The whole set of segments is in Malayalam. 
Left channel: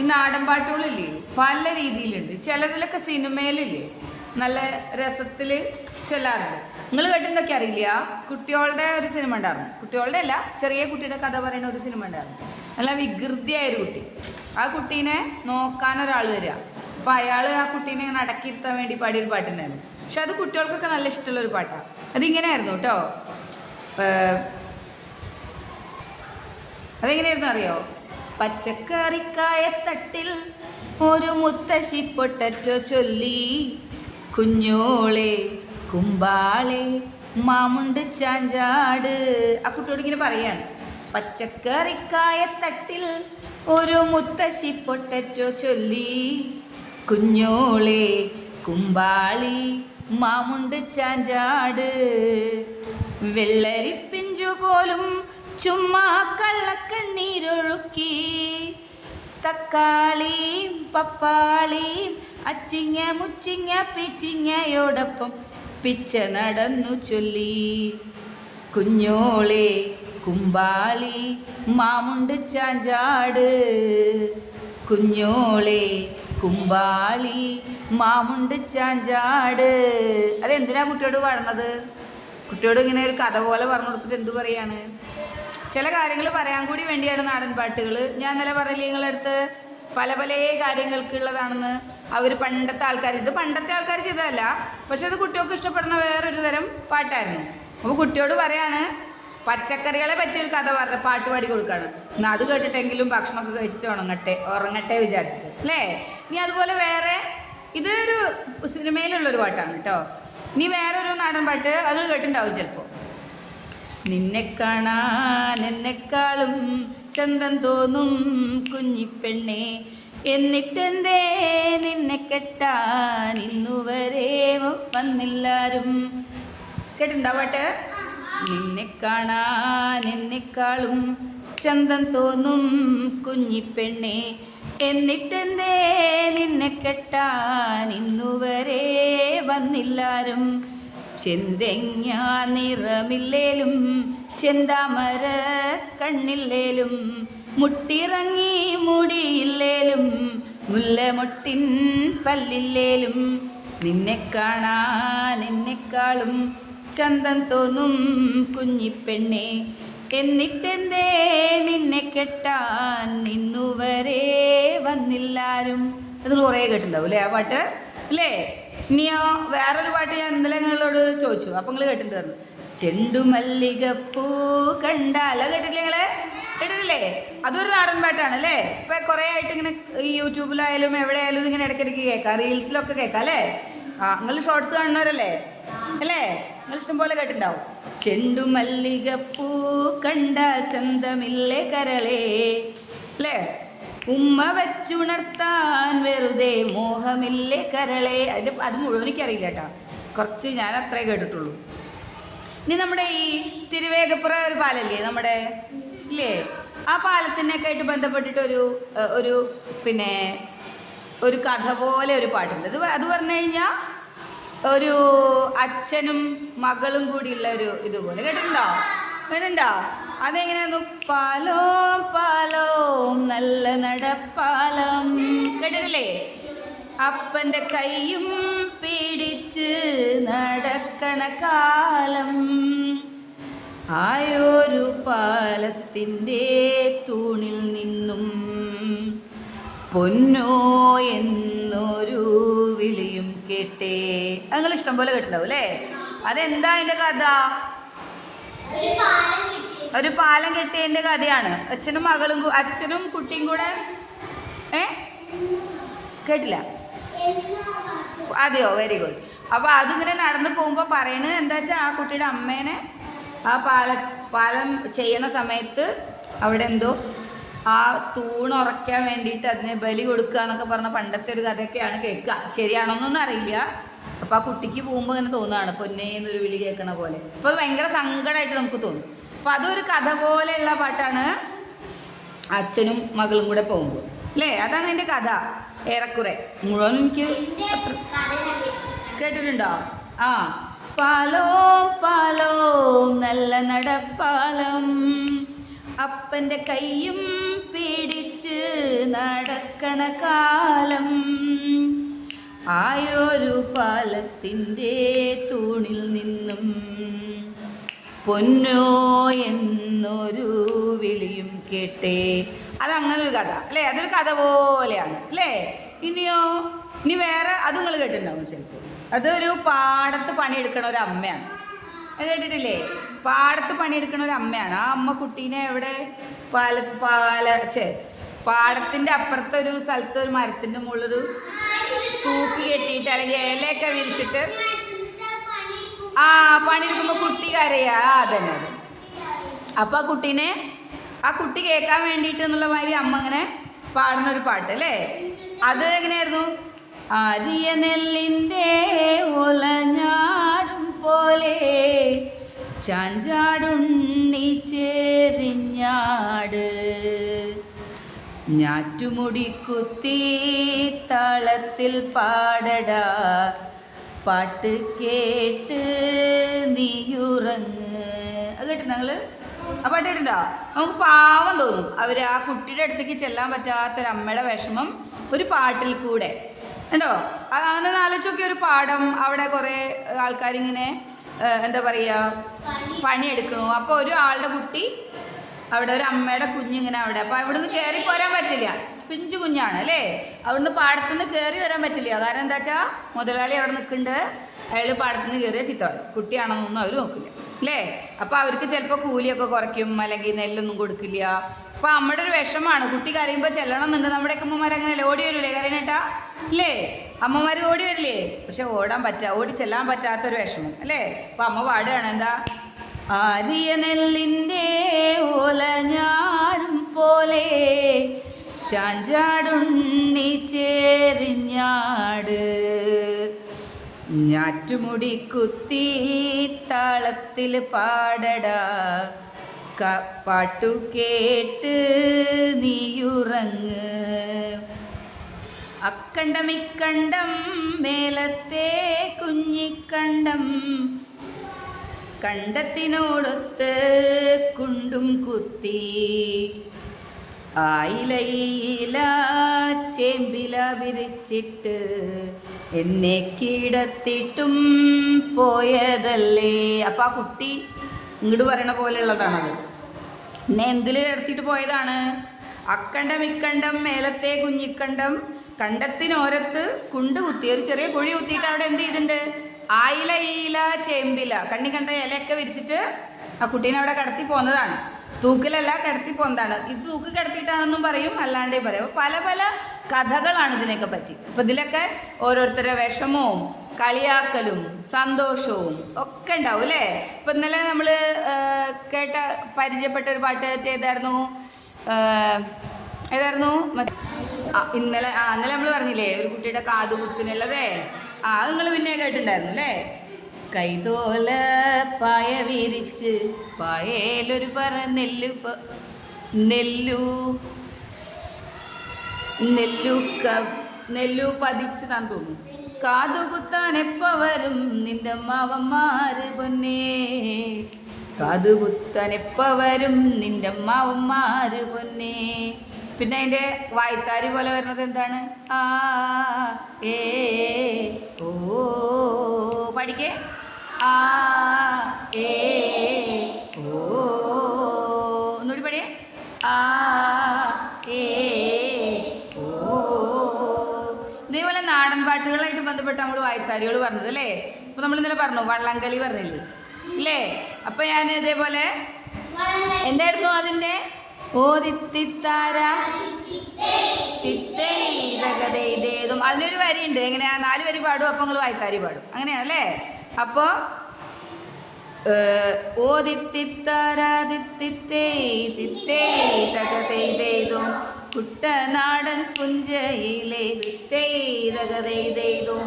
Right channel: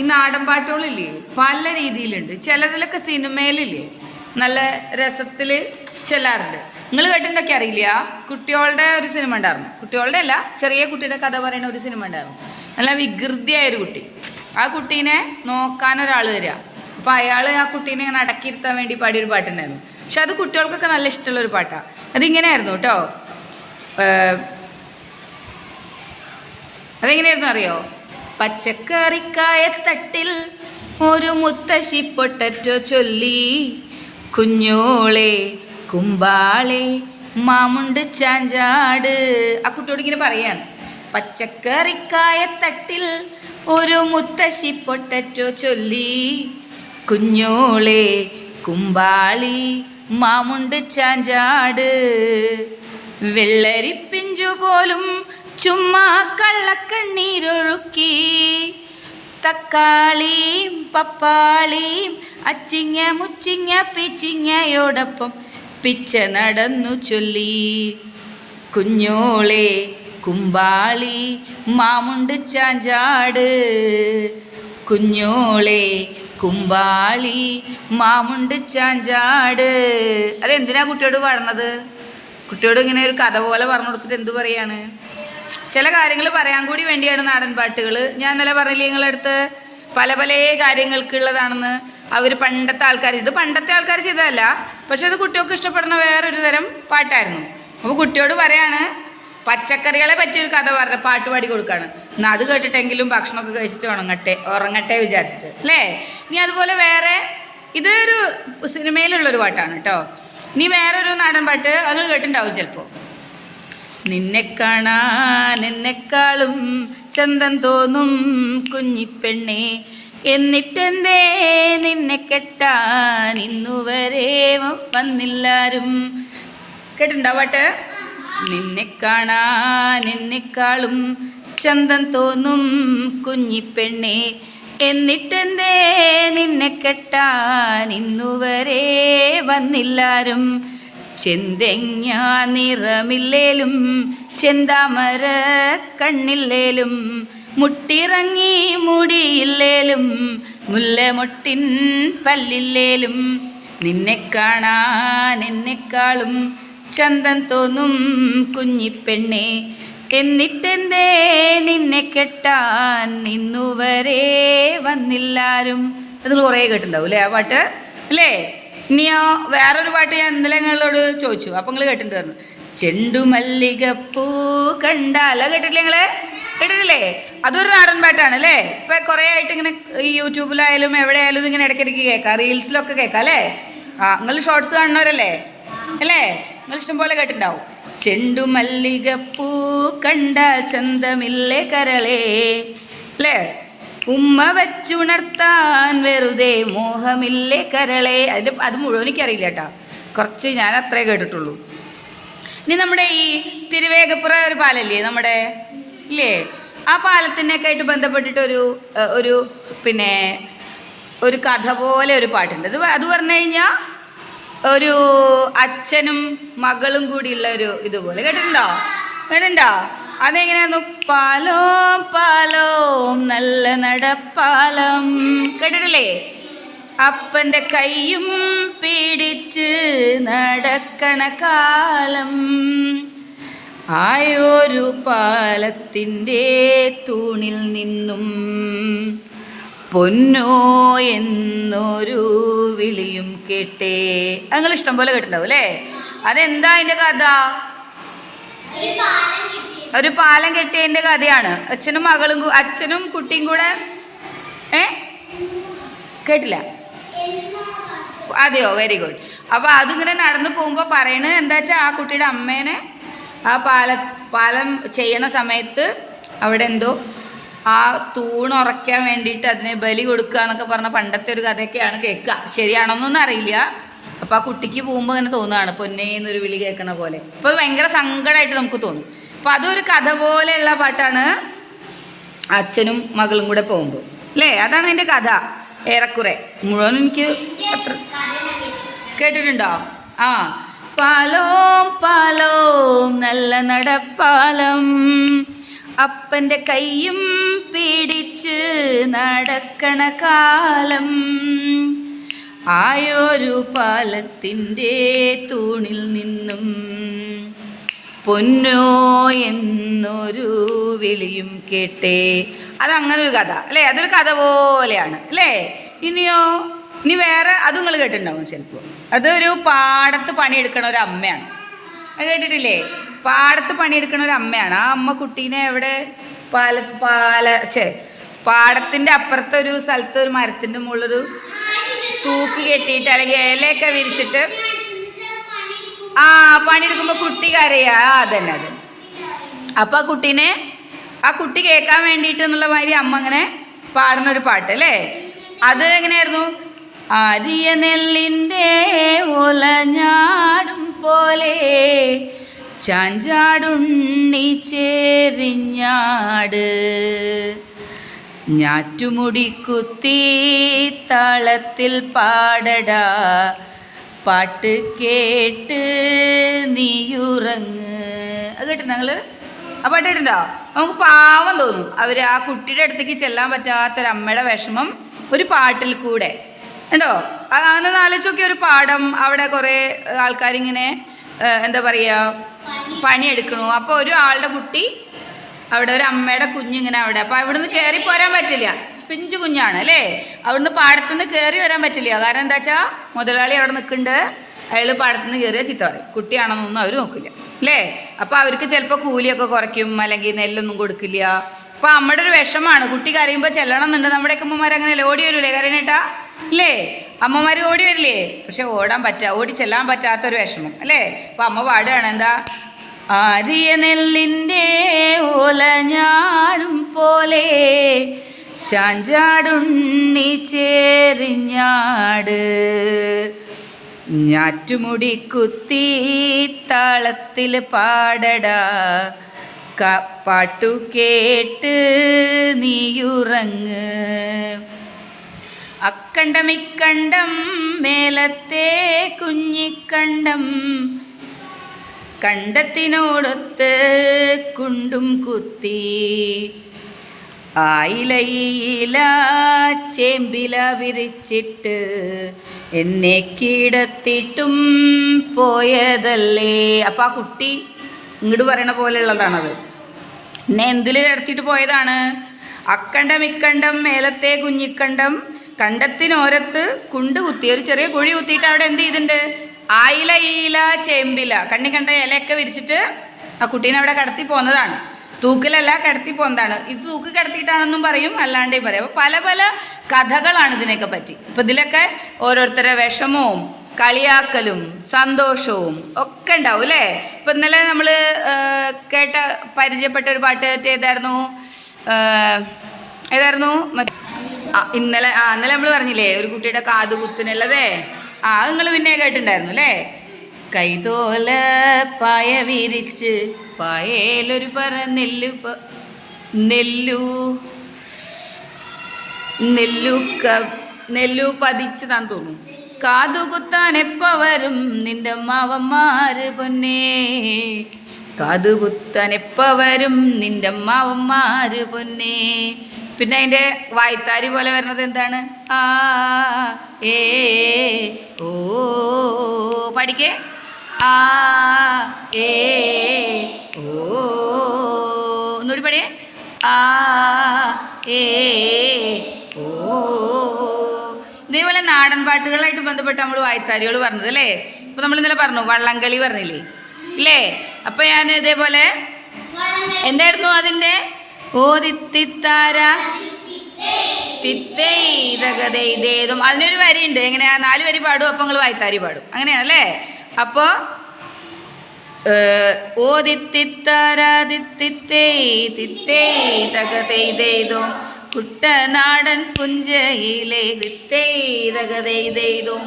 ഈ നാടൻ പാട്ടുകളില്ലേ പല രീതിയിലുണ്ട്. ചിലതിലൊക്കെ സിനിമയിലില്ലേ നല്ല രസത്തിൽ ചെല്ലാറുണ്ട്. നിങ്ങൾ കേട്ടിട്ടൊക്കെ അറിയില്ല, കുട്ടികളുടെ ഒരു സിനിമ ഉണ്ടായിരുന്നു. കുട്ടികളുടെ അല്ല, ചെറിയ കുട്ടിയുടെ കഥ പറയുന്ന ഒരു സിനിമ ഉണ്ടായിരുന്നു. നല്ല വികൃതിയായൊരു കുട്ടി. ആ കുട്ടീനെ നോക്കാൻ ഒരാൾ വരിക. അപ്പോൾ അയാൾ ആ കുട്ടീനെ ഇങ്ങനെ അടക്കിയിരുത്താൻ വേണ്ടി പാടിയൊരു പാട്ടുണ്ടായിരുന്നു. പക്ഷെ അത് കുട്ടികൾക്കൊക്കെ നല്ല ഇഷ്ടമുള്ളൊരു പാട്ടാണ്. അതിങ്ങനെയായിരുന്നു കേട്ടോ. അതെങ്ങനെയായിരുന്നു അറിയോ? പച്ചക്കറിക്കായത്തട്ടിൽ ഒരു മുത്തശ്ശി പൊട്ടറ്റോ ചൊല്ലി, കുഞ്ഞോളെ കുമ്പാളെ മാമുണ്ട് ചാഞ്ചാട്. ആ കുട്ടിയോട് ഇങ്ങനെ പറയാണ്, പച്ചക്കറിക്കായത്തട്ടിൽ ഒരു മുത്തശ്ശി പൊട്ടറ്റോ ചൊല്ലി, കുഞ്ഞോളെ കുമ്പാളി മാമുണ്ട് ചാഞ്ചാട്. വെള്ളരിപ്പിഞ്ചു പോലും ചുമ്മാ കള്ളക്കണ്ണീരൊഴുക്കി, തക്കാളിയും പപ്പാളിയും അച്ചിങ്ങ മുച്ചിങ്ങ പിച്ചിങ്ങയോടൊപ്പം പിച്ച നടന്നു ചൊല്ലി, കുഞ്ഞോളെ കുമ്പാളി മാമുണ്ട് ചാഞ്ചാട്, കുഞ്ഞോളെ കുമ്പാളി മാമുണ്ട് ചാഞ്ചാട്. അതെന്തിനാ കുട്ടിയോട് പാടുന്നത്? കുട്ടിയോട് ഇങ്ങനെ ഒരു കഥ പോലെ പറഞ്ഞു കൊടുത്തിട്ട് എന്തു പറയാണ്? ചില കാര്യങ്ങൾ പറയാൻ കൂടി വേണ്ടിയാണ് നാടൻ പാട്ടുകൾ. ഞാൻ ഇന്നലെ പറഞ്ഞില്ലേ നിങ്ങളടുത്ത് പല പല കാര്യങ്ങൾക്കുള്ളതാണെന്ന്. അവർ പണ്ടത്തെ ആൾക്കാർ, ഇത് പണ്ടത്തെ ആൾക്കാർ ചെയ്തതല്ല, പക്ഷെ ഇത് കുട്ടികൾക്ക് ഇഷ്ടപ്പെടുന്ന വേറൊരു തരം പാട്ടായിരുന്നു. അപ്പോൾ കുട്ടിയോട് പറയാണ്, പച്ചക്കറികളെ പറ്റിയൊരു കഥ പറഞ്ഞ പാട്ട് പാടി കൊടുക്കുകയാണ്. എന്നാൽ അത് കേട്ടിട്ടെങ്കിലും ഭക്ഷണമൊക്കെ കഴിച്ചിട്ട് ഉറങ്ങട്ടെ വിചാരിച്ചിട്ട് അല്ലേ. ഇനി അതുപോലെ വേറെ, ഇതൊരു സിനിമയിലുള്ളൊരു പാട്ടാണ് കേട്ടോ. ഇനി വേറൊരു നാടൻ പാട്ട് അത് കേട്ടിട്ടുണ്ടാവും ചിലപ്പോൾ. നിന്നെ കാണാൻ എന്നെക്കാളും ചന്തം തോന്നും കുഞ്ഞിപ്പെണ്ണെ, എന്നിട്ടെന്തേ നിന്നെ കെട്ടാൻ ഇന്നുവരെ വന്നില്ലാരും. കേട്ടിട്ടുണ്ടോ പാട്ട്? നിന്നെ കാണാൻ എന്നെക്കാളും ചന്തം തോന്നും കുഞ്ഞിപ്പെണ്ണെ, എന്നിട്ടെന്തേ നിന്നെ കെട്ടാൻ ഇന്നുവരെ വന്നില്ലാരും. ചെന്തെങ്ങ നിറമില്ലേലും ചെന്താമര കണ്ണില്ലേലും, മുട്ടിറങ്ങി മുടിയില്ലേലും മുല്ലമൊട്ടിൻ പല്ലില്ലേലും, നിന്നെ കാണാൻ എന്നെക്കാളും ചന്തം തോന്നും കുഞ്ഞിപ്പെണ്ണെ, എന്നിട്ടെന്തേ നിന്നെ കെട്ടാൻ ഇന്നുവരെ വന്നില്ലാരും. അത് നിങ്ങൾ കുറേ കേട്ടിട്ടുണ്ടാവും അല്ലേ ആ പാട്ട് അല്ലേ? ഇനിയോ വേറൊരു പാട്ട് ഞാൻ ഇന്നലെ നിങ്ങളോട് ചോദിച്ചു, അപ്പം നിങ്ങൾ കേട്ടിട്ടുണ്ടായിരുന്നു. ചെണ്ടുമല്ലികപ്പൂ കണ്ടാൽ. അത് കേട്ടിട്ടില്ലേ നിങ്ങൾ? കേട്ടിട്ടില്ലേ? അതൊരു നാടൻ പാട്ടാണ് അല്ലേ. ഇപ്പം കുറേ ആയിട്ട് ഇങ്ങനെ ഈ യൂട്യൂബിലായാലും എവിടെയായാലും ഇതിങ്ങനെ ഇടയ്ക്കിടയ്ക്ക് കേൾക്കാം, റീൽസിലൊക്കെ കേൾക്കാം അല്ലേ. നിങ്ങൾ ഷോർട്സ് കാണുന്നവരല്ലേ അല്ലേ? നിങ്ങൾ ഇഷ്ടംപോലെ കേട്ടിട്ടുണ്ടാവും. ചെണ്ടുമല്ലികപ്പൂ കണ്ടാൽ ചന്തമില്ലേ കരളേ അല്ലേ, ഉമ്മ വെച്ചുണർത്താൻ വെറുതെ മോഹമില്ലേ കരളേ. അത് മുഴുവൻ എനിക്കറിയില്ല കേട്ടോ, കുറച്ച് ഞാൻ അത്രേ കേട്ടിട്ടുള്ളൂ. ഇനി നമ്മുടെ ഈ തിരുവേഗപ്പുറ ഒരു പാലല്ലേ നമ്മുടെ ഇല്ലേ, ആ പാലത്തിനൊക്കെ ആയിട്ട് ബന്ധപ്പെട്ടിട്ട് ഒരു പിന്നെ ഒരു കഥ പോലെ ഒരു പാട്ടുണ്ട്. അത് പറഞ്ഞു കഴിഞ്ഞാൽ ഒരു അച്ഛനും മകളും കൂടിയുള്ള ഒരു ഇതുപോലെ. കേട്ടിട്ടുണ്ടോ? അതെങ്ങനെയായിരുന്നു? പാലോം പാലോം നല്ല നടപ്പാലം. കേട്ടിട്ടില്ലേ? അപ്പൻ്റെ കൈയും പിടിച്ച് നടക്കണ കാലം, ആയൊരു പാലത്തിൻ്റെ തൂണിൽ നിന്നും പൊന്നോ എന്നൊരു വിളിയും കേട്ടേ. നിങ്ങൾ ഇഷ്ടം പോലെ കേട്ടിട്ടുണ്ടാവും അല്ലേ? അതെന്താ അതിൻ്റെ കഥ? ഒരു പാലം കെട്ടിയതിൻ്റെ കഥയാണ്. അച്ഛനും കുട്ടിയും കൂടെ. കേട്ടില്ല? അതെയോ, വെരി ഗുഡ്. അപ്പോൾ അതിങ്ങനെ നടന്നു പോകുമ്പോൾ പറയണത് എന്താ വെച്ചാൽ, ആ കുട്ടിയുടെ അമ്മേനെ ആ പാലം ചെയ്യണ സമയത്ത് അവിടെ എന്തോ ആ തൂണുറയ്ക്കാൻ വേണ്ടിയിട്ട് അതിനെ ബലി കൊടുക്കുക എന്നൊക്കെ പറഞ്ഞ പണ്ടത്തെ ഒരു കഥയൊക്കെയാണ് കേൾക്കുക. ശരിയാണോന്നൊന്നും അറിയില്ല. അപ്പോൾ ആ കുട്ടിക്ക് പോകുമ്പോൾ ഇങ്ങനെ തോന്നുകയാണ് പൊന്നേ എന്നൊരു വിളി കേൾക്കണ പോലെ. അപ്പോൾ അത് ഭയങ്കര സങ്കടമായിട്ട് നമുക്ക് തോന്നും. അപ്പോൾ അതൊരു കഥ പോലെയുള്ള പാട്ടാണ്, അച്ഛനും മകളും കൂടെ പോകുമ്പോൾ അല്ലേ. അതാണ് അതിൻ്റെ കഥ ഏറെക്കുറെ. മുഴുവൻ എനിക്ക് അത്ര കേട്ടിട്ടുണ്ടോ? പാലോം പാലോം നല്ല നടപ്പാലം, അപ്പൻ്റെ കൈയും പിടിച്ച് നടക്കണ കാലം ആയൊരു പാലത്തിൻ്റെ തൂണിൽ നിന്നും പൊന്നോ എന്നൊരു വിളിയും കേട്ടേ. അതങ്ങനൊരു കഥ അല്ലേ, അതൊരു കഥ പോലെയാണ് അല്ലേ. ഇനിയോ, ഇനി വേറെ അത് നിങ്ങൾ കേട്ടിട്ടുണ്ടാവും ചിലപ്പോൾ. അതൊരു പാടത്ത് പണിയെടുക്കണ ഒരു അമ്മയാണ്. അത് കേട്ടിട്ടില്ലേ? പാടത്ത് പണിയെടുക്കണ ഒരു അമ്മയാണ്. ആ അമ്മ കുട്ടീനെ എവിടെ പാടത്തിൻ്റെ അപ്പുറത്തെ ഒരു സ്ഥലത്ത് ഒരു മരത്തിൻ്റെ മുകളിലൊരു തൂക്കി കെട്ടിയിട്ട് അല്ലെങ്കിൽ ഇലയൊക്കെ വിരിച്ചിട്ട് പണിയെടുക്കുമ്പോൾ കുട്ടി കരയാ. അതന്നെ. അപ്പോൾ ആ കുട്ടി കേൾക്കാൻ വേണ്ടിയിട്ട് എന്നുള്ള മാതിരി അമ്മ അങ്ങനെ പാടുന്നൊരു പാട്ട് അല്ലേ. അത് എങ്ങനെയായിരുന്നു? ആരിയ നെല്ലിൻ്റെ ഓലഞ്ഞാടും പോലെ ചാഞ്ചാടുണ്ണി ചേരിഞ്ഞാട് ഞാറ്റുമുടി കുത്തി താളത്തിൽ പാടടാ പാട്ട് കേട്ട് നീയുറങ്ങ്. അത് കേട്ടോ ഞങ്ങൾ ആ പാട്ട് കേട്ടിട്ടുണ്ടോ? നമുക്ക് പാവം തോന്നും. ആ കുട്ടിയുടെ അടുത്തേക്ക് ചെല്ലാൻ പറ്റാത്തൊരമ്മയുടെ വിഷമം ഒരു പാട്ടിൽ കൂടെ ഉണ്ടോ? അങ്ങനെ ആലോചിച്ച് നോക്കിയ ഒരു പാടം, അവിടെ കുറേ ആൾക്കാരിങ്ങനെ എന്താ പറയുക പണിയെടുക്കണു. അപ്പോൾ ഒരു ആളുടെ കുട്ടി അവിടെ, ഒരു അമ്മയുടെ കുഞ്ഞിങ്ങനെ അവിടെ. അപ്പോൾ അവിടുന്ന് കയറി പോരാൻ പറ്റില്ല, പിഞ്ചു കുഞ്ഞാണ് അല്ലേ. അവിടുന്ന് പാടത്തുനിന്ന് കയറി വരാൻ പറ്റില്ല. കാരണം എന്താ വെച്ചാൽ മുതലാളി അവിടെ നിൽക്കുന്നുണ്ട്. അയാൾ പാടത്തുനിന്ന് കയറിയ ചീത്ത പറയും. കുട്ടിയാണെന്നൊന്നും അവർ നോക്കില്ല അല്ലേ. അപ്പോൾ അവർക്ക് ചിലപ്പോൾ കൂലിയൊക്കെ കുറയ്ക്കും, അല്ലെങ്കിൽ നെല്ലൊന്നും കൊടുക്കില്ല. അപ്പോൾ അമ്മയുടെ ഒരു വിഷമാണ്. കുട്ടി കരയുമ്പോൾ ചെല്ലണം എന്നുണ്ട്. നമ്മുടെയൊക്കെ അമ്മമാർ അങ്ങനെയല്ലേ, ഓടി വരൂലേ കരയണേട്ടാ അല്ലേ? അമ്മമാർ ഓടി വരില്ലേ? പക്ഷെ ഓടി ചെല്ലാൻ പറ്റാത്തൊരു വിഷമം അല്ലേ. അപ്പോൾ അമ്മ പാടുകയാണ് എന്താ? ആരിയ നെല്ലിൻ്റെ ഓലഞ്ഞാടും പോലെ ചാഞ്ചാടുണ്ണി ചേരിഞ്ഞാട് ഞാറ്റുമുടി കുത്തി താളത്തിൽ പാടടാ പാട്ടു കേട്ട് നീയുറങ്ങ്. അക്കണ്ടമിക്കണ്ടം മേലത്തെ കുഞ്ഞിക്കണ്ടം കണ്ടത്തിനോടൊത്ത് കുണ്ടും കുത്തി ആയിലയില ചേമ്പില വിരിച്ചിട്ട് എന്നെ കിടത്തിട്ടും പോയതല്ലേ. അപ്പം ആ കുട്ടി ഇങ്ങോട്ട് പറയണ പോലെയുള്ളതാണത്. എന്നെ എന്തിൽ കിടത്തിയിട്ട് പോയതാണ്? അക്കണ്ടം ഇക്കണ്ടം മേലത്തെ കുഞ്ഞിക്കണ്ടം കണ്ടത്തിനോരത്ത് കുണ്ട് കുത്തി, ഒരു ചെറിയ കുഴി കുത്തിയിട്ട് അവിടെ എന്ത് ചെയ്തിട്ടുണ്ട്? ആയില ഈല ചേമ്പില കണ്ണി കണ്ട ഇലയൊക്കെ വിരിച്ചിട്ട് ആ കുട്ടീനെ അവിടെ കിടത്തി പോകുന്നതാണ്. തൂക്കിലല്ല, കിടത്തി പോകുന്നതാണ്. ഇത് തൂക്ക് കിടത്തിയിട്ടാണെന്നും പറയും, അല്ലാണ്ടേയും പറയും. അപ്പോൾ പല പല കഥകളാണ് ഇതിനെയൊക്കെ പറ്റി. അപ്പോൾ ഇതിലൊക്കെ ഓരോരുത്തരുടെ വിഷമവും കളിയാക്കലും സന്തോഷവും ഒക്കെ ഉണ്ടാവും അല്ലേ. ഇപ്പം ഇന്നലെ നമ്മൾ പരിചയപ്പെട്ട ഒരു പാട്ട് ഏതായിരുന്നു? ഇന്നലെ നമ്മൾ പറഞ്ഞില്ലേ ഒരു കുട്ടിയുടെ കാത് കുത്തിനുള്ളതേ. അത് നിങ്ങൾ പിന്നെ കേട്ടിട്ടുണ്ടായിരുന്നു അല്ലേ. കൈതോല പായ വിരിച്ച് പായയിലൊരു പറ നെല്ലു പതിച്ചതാന്ന് തോന്നുന്നു. കാതുകുത്താൻ എപ്പ വരും നിന്റെ മാവന്മാര് പൊന്നേ, കാതുകുത്താൻ എപ്പ വരും നിന്റെ മാവന്മാര് പൊന്നേ. പിന്നെ അതിൻ്റെ വായ്ത്താരി പോലെ വരുന്നത് എന്താണ്? ആ ഏ ഓ പഠിക്കേ. ആ ഏ ഓ ഒന്നുകൂടി പഠിയേ. ആ ഏ ഓ. ഇതേപോലെ നാടൻ പാട്ടുകളായിട്ട് ബന്ധപ്പെട്ട് നമ്മൾ വായ്ത്താരികൾ പറഞ്ഞത് അല്ലേ. ഇപ്പോൾ നമ്മൾ ഇന്നലെ പറഞ്ഞു വള്ളംകളി പറഞ്ഞില്ലേ ഇല്ലേ. അപ്പോൾ ഞാൻ ഇതേപോലെ എന്തായിരുന്നു അതിൻ്റെ ഓതിത്തിത്താര തിത്തേതകതേതും അതിനൊരു വരിയുണ്ട്. എങ്ങനെയാ? 4 വരി പാടും, അപ്പോൾ നിങ്ങൾ വായ്ത്താരി പാടും. അങ്ങനെയാണല്ലേ. അപ്പോൾ ഓതിത്തിത്താരാതിത്തേതകതേതും കുട്ടനാടൻ പുഞ്ചയിലെ തിത്തേതകതേതും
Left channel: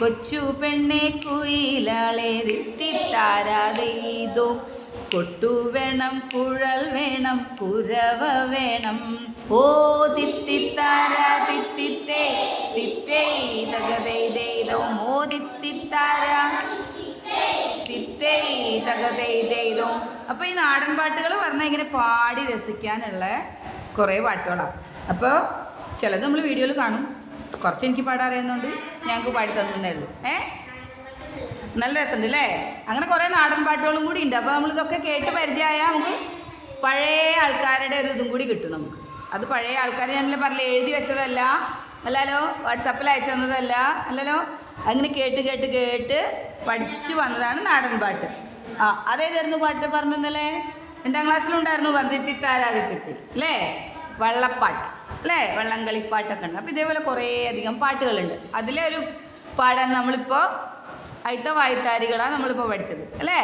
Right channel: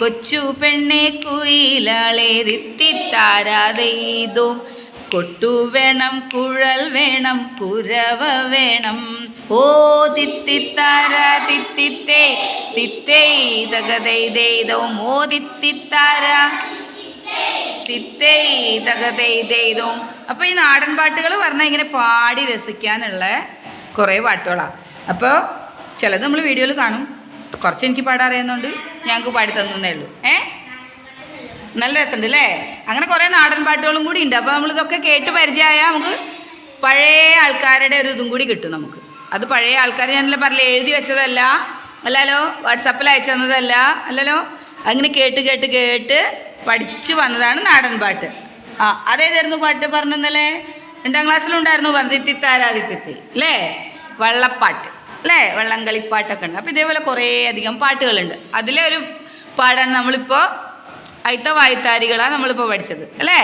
കൊച്ചു പെണ്ണെ കുയിലാളെ തിത്തിത്താരാതെയ്തും കൊട്ടു വേണം കുഴൽ വേണം കുരവ വേണം. ഓ തിത്തിത്താര തിത്തിത്തേ തിത്തേതകതേതും ഓ തിത്തിത്താര തിത്തേതകതേതും അപ്പോൾ ഈ നാടൻ പാട്ടുകൾ പറഞ്ഞാൽ ഇങ്ങനെ പാടി രസിക്കാനുള്ള കുറേ പാട്ടുകളാണ്. അപ്പോൾ ചിലത് നമ്മൾ വീഡിയോയിൽ കാണും, കുറച്ച് എനിക്ക് പാടാൻ അറിയുന്നതുകൊണ്ട് ഞങ്ങൾക്ക് പാടി തന്നേ ഉള്ളൂ. നല്ല രസമുണ്ട് അല്ലേ? അങ്ങനെ കുറേ നാടൻ പാട്ടുകളും കൂടി ഉണ്ട്. അപ്പോൾ നമ്മളിതൊക്കെ കേട്ട് പരിചയമായാൽ നമുക്ക് പഴയ ആൾക്കാരുടെ ഒരു ഇതും കൂടി കിട്ടും നമുക്ക്. അത് പഴയ ആൾക്കാർ ഞാനല്ലേ പറഞ്ഞില്ല, എഴുതി വെച്ചതല്ല അല്ലല്ലോ, വാട്സപ്പിൽ അയച്ചു തന്നതല്ല അല്ലല്ലോ, അങ്ങനെ കേട്ട് കേട്ട് കേട്ട് പഠിച്ചു വന്നതാണ് നാടൻ പാട്ട്. അതേതായിരുന്നു പാട്ട് പറഞ്ഞല്ലേ? 2ാം ക്ലാസ്സിലുണ്ടായിരുന്നു തിത്തിത്താരാതിത്തി അല്ലേ, വള്ളപ്പാട്ട് അല്ലേ, വള്ളംകളിപ്പാട്ടൊക്കെ ഉണ്ട്. അപ്പോൾ ഇതേപോലെ കുറേ അധികം പാട്ടുകളുണ്ട്. അതിലെ ഒരു പാടാണ് നമ്മളിപ്പോൾ അയിത്ത വായ്ത്താരികളാണ് നമ്മളിപ്പോൾ പഠിച്ചത് അല്ലേ.